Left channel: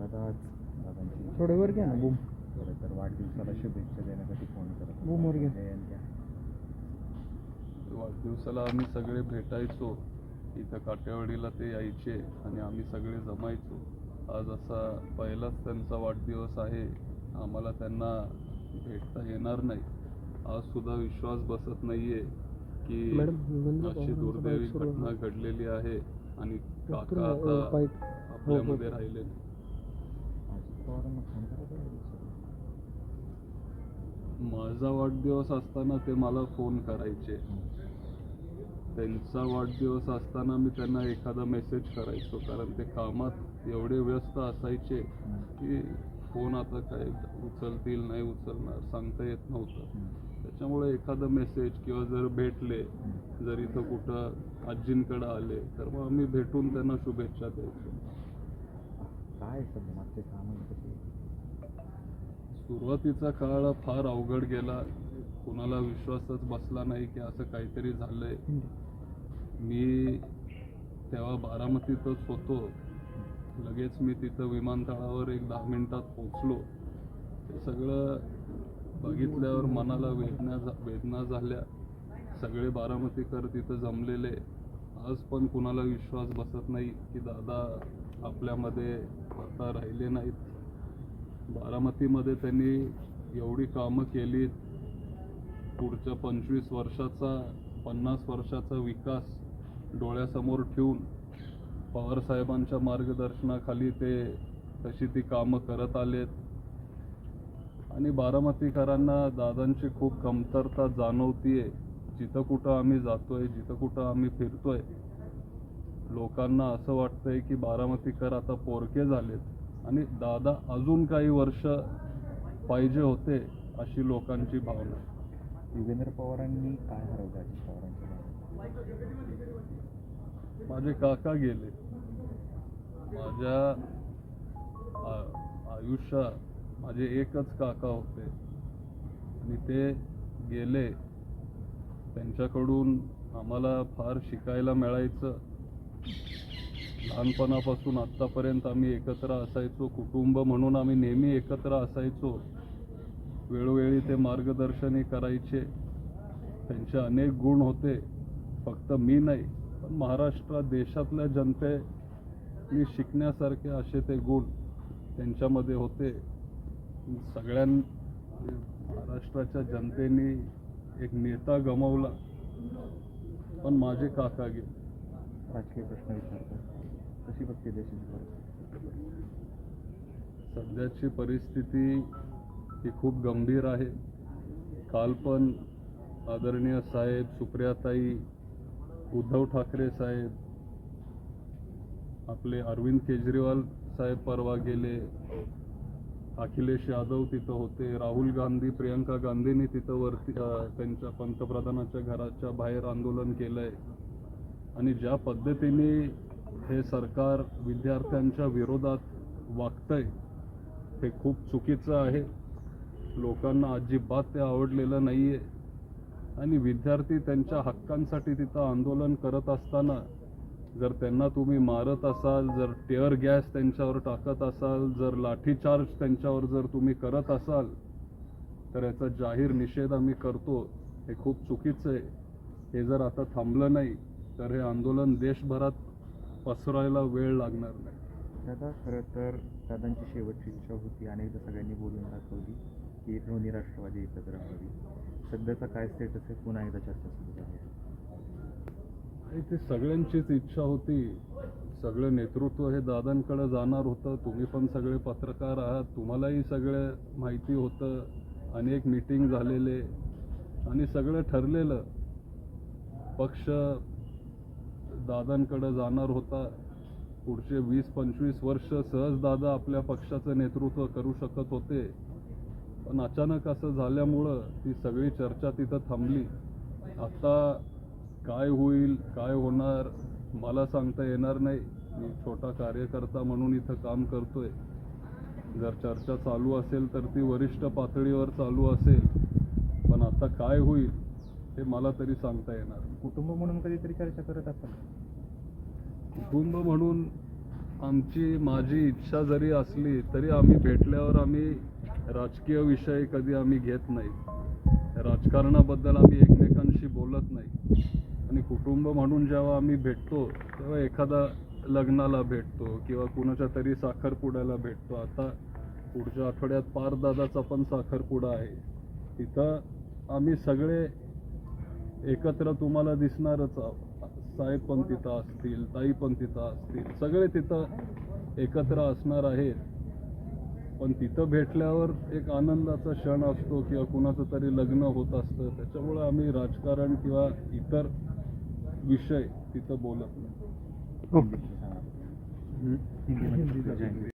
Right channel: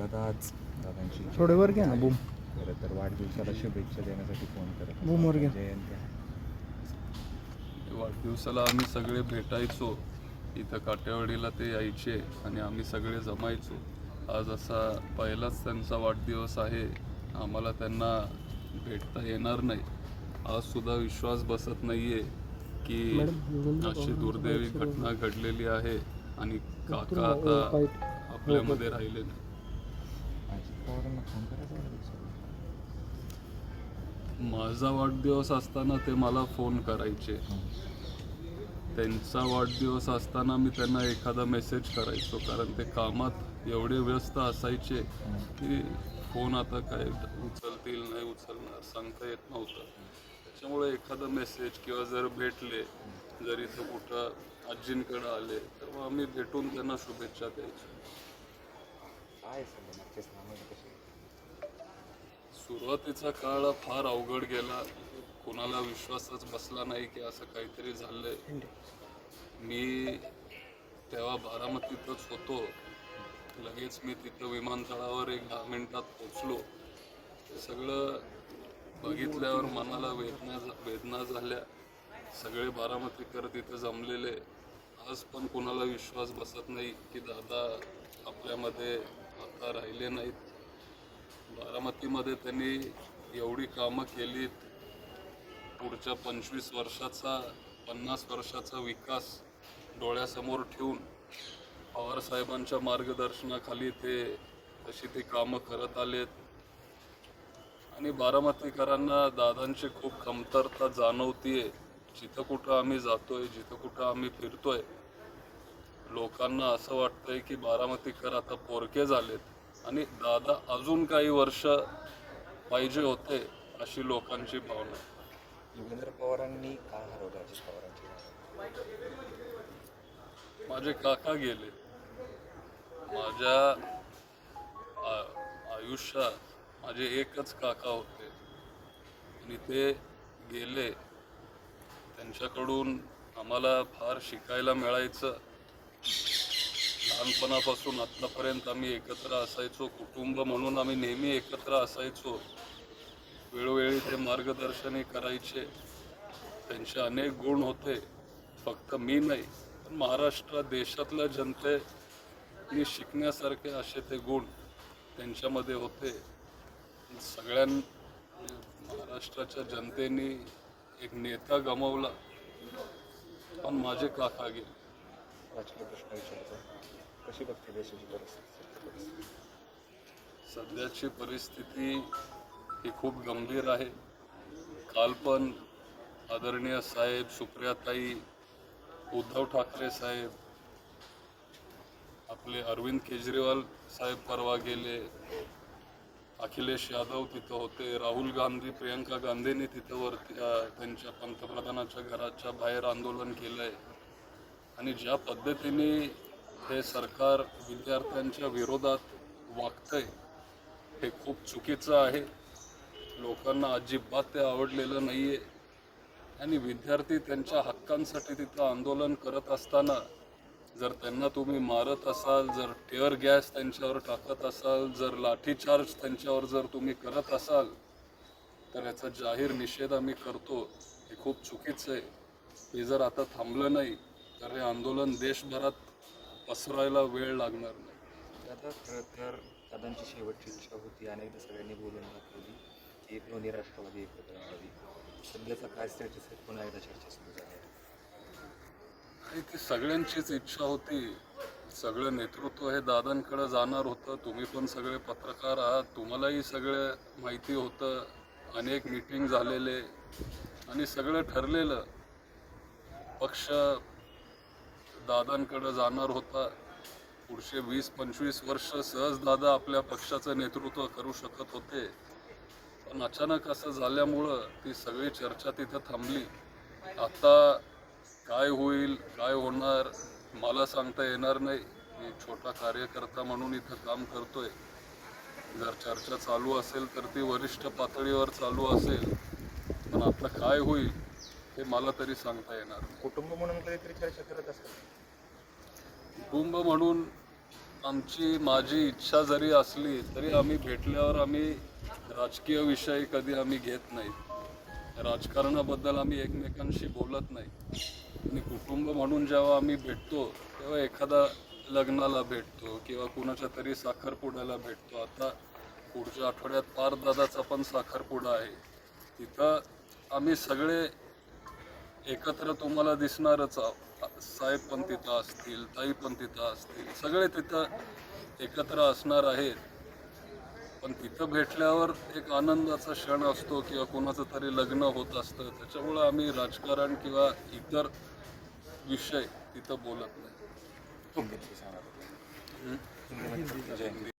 दादा आज दादांची थोडे वर घ्या ना बूम. खरं तर वाढदिवसाला शुभेच्छा देण्यासाठी फोन करत बूम वर घ्या. जयंती वाढदिवसाला आम्ही सगळे भेटायचो इथं काटेवाडीला, ते यायचे आणि आम्ही सगळे जमायचो. आज असा पहिलाच त्यांचा वाढदिवस आहे, आम्हाला त्यांना भेटता येणार नाही. आजसुद्धा विश्वास बसत नाही आहे की अशी दुर्दैवी घटना घडलेली आहे आणि काका आता आपल्यामध्ये राहिले नाही. अजित पवारांना फोन करायचा वाढदिवसाला. माझा वाढदिवस असताना ते मला फोन करायचे, त्यांचा वाढदिवस असताना मी त्यांना एखादा मेसेज करायचो, कारण ते कामात एवढे व्यस्त असायचे की फोन आता काय उचलतील नाही उचलणार सांगता येत नव्हतं. त्याच्यामुळे एखादा मेसेज किंवा जर भेटले, जर इथं कुठं आजींकडं आले तर मग आम्ही भेटून त्यांना शुभेच्छा द्यायचो. काय सध्या मागचे सामने कसे? सुरुवातीचा काळ फार अवघड गेला, कोणाला विश्वासच बसला नाही की असं काहीतरी झालंय. मी तेव्हा बारामतीतच होतो, लगेच मी तिथं विमानतळावर एक 10 मिनिटात पोचलो. ते सगळं बघितल्यावर मनाला वेदना झाल्या. सगळे बारामतीकर तिथं जमलेले. आज पण कुणाला विश्वास बसत नाही की दादा आपल्यामध्ये आता राहिले नाहीत. बारामतीमध्ये त्यांनी एवढी कामं केलीत, पुढच्या 25 वर्षाचा 50 वर्षाचा विकास डोळ्यासमोर ठेवून पवारसाहेबांच्या मार्गदर्शनाखाली ते तशी ती कामं करत आलेत. आणि बारामतीकरांना दादांची खूप कमतरता जाणवतीये. जिथं कुठं आम्ही जातोय, जिथं कुठं आम्ही फिरतोय, लोकांना असं वाटतंय की बारामतीकर आता पोरके झालेत आणि दादा अजून काही वर्ष पाहिजे होते, अशी लोकांची भावना. युगेंद्र पवारांनी का हरवलं अजित पवारांच्या माझे काका गेले. माझ्या आयुष्यात माझे एकच काका होते आणि ते गेले. त्यांच्याकडून आम्हाला फार शिकायला मिळायचं. लहानपणापासून आत्तापर्यंत आम्ही एकत्र असायचो, कुटुंब म्हणून आम्ही नेहमी एकत्र असायचो. वेळोवेळी ते मार्गदर्शनही करायचे. त्यांचे अनेक गुण होते, फक्त मी नाही पण महाराष्ट्र देशातल्या जनतेने शिकण्यासारखे असे ते गुण त्यांच्यामध्ये होते. महाराष्ट्राच्या जनतेने एक नेता गमावला, पण माझे काका गेले. राजकीय प्रश्न विचारतो, कशी बघते देशाची परिस्थिती? सध्याची परिस्थिती ही खूप गंभीर आहे. काल पण आदरणीय साहेब, सुप्रियाताई, उद्धव ठाकरे साहेब, आपले अरविंद केजरीवाल साहेब परवा गेले, अखिलेश यादव तिथं होते, राहुल गांधी, प्रियंका गांधींनी तिथं वरती त्यांच्या पंतप्रधानाच्या घराच्या बाहेर आंदोलन केलं आहे. आणि ज्या पद्धतीने हे सरकार विद्यार्थ्यांच्या विरोधात वागतंय हे खूप चुकीचं आहे. लोकांना अजिबात ते आवडलेलं नाही आहे. आणि विद्यार्थी त्यांच्या हक्कांसाठी तिथं आंदोलन करत असताना जर त्यांना तुम्ही मारत असाल, जर टिअर गॅस त्यांच्यावर टाकत असाल, जर लाठीचार्ज त्यांच्यावर जर तुम्ही करत असाल, तर याचा जाहीर निषेध आम्ही करतो. हे खूप चुकीचं आहे. हे जर आता थांबलं नाही तर हे आंदोलन देशभरात पसरायला वेळ लागणार नाही. दादा खरं तर दादांची शेवटची इच्छा होती, अनेकदा सगळ्यांनी बोलून दाखवली की दोन्ही राष्ट्रवादी एकत्र राहावी. सध्याचा काय स्टेटस आहे? पुन्हा एकदा चर्चा सुरू झाली. आणि ती सगळ्यांचीच इच्छा होती. सगळं नेतृत्व हे दादांकडे जाणार होतं. तुम्ही पण सगळे पत्रकार आहात, तुम्हालाही सगळं माहिती होतं. अनेक मीटिंग झालेले आणि सगळं ठरलेलं. पक्ष दादांकडे जाणार होता. पुढचे 20-25 वर्ष सहज दादा आपल्या पक्षाचं नेतृत्व करू शकत होते. पण अचानक असं झाल्यामुळं ती सगळी चर्चा तिथं थांबली. आता काय होईल, काय होणार मला सांगता येणार नाही. मी छोटा कार्यकर्ता म्हणून इथं काम करतोय. जर चर्चा चालू असेल तर ती वरिष्ठ पातळीवर चालू असेल, पण आता काय होईल हे मला तरी सांगता येणार नाही. कुटुंब म्हणून कधीतरी चर्चा करत असाल? कुटुंब म्हणून माझी इच्छा जरी असली तरी आम्ही भेटल्यावर आम्ही राजकीय विषय कधी आम्ही घेत नाही. राजकारणाबद्दल आम्ही एकमेकांशी बोलत नाही. आणि कुटुंब म्हणून जेव्हा आम्ही भेटतो तेव्हा एखादा लग्नाला भेटतो किंवा कुणाच्या तरी साखरपुड्याला भेटतो. आता पुढच्या आठवड्यात पारदादाचा पण साखरपुडा आहे. तिथं आम्ही सगळे एकत्र तुम्हाला दिसणारच आहोत. साहेब पण तिथं असतील, ताई पण तिथं असतील, सगळे तिथं एकत्र असणार आहेत. पण तिथं भेटल्यावर एक आनंदाचा क्षण असतो किंवा कुणाचं तरी लग्न होत असतं. त्याच्यामुळं आम्ही राजकारण किंवा इतर विषय तिथं बोलत नाही. हिंदीमध्ये सांगा. जय हिंद.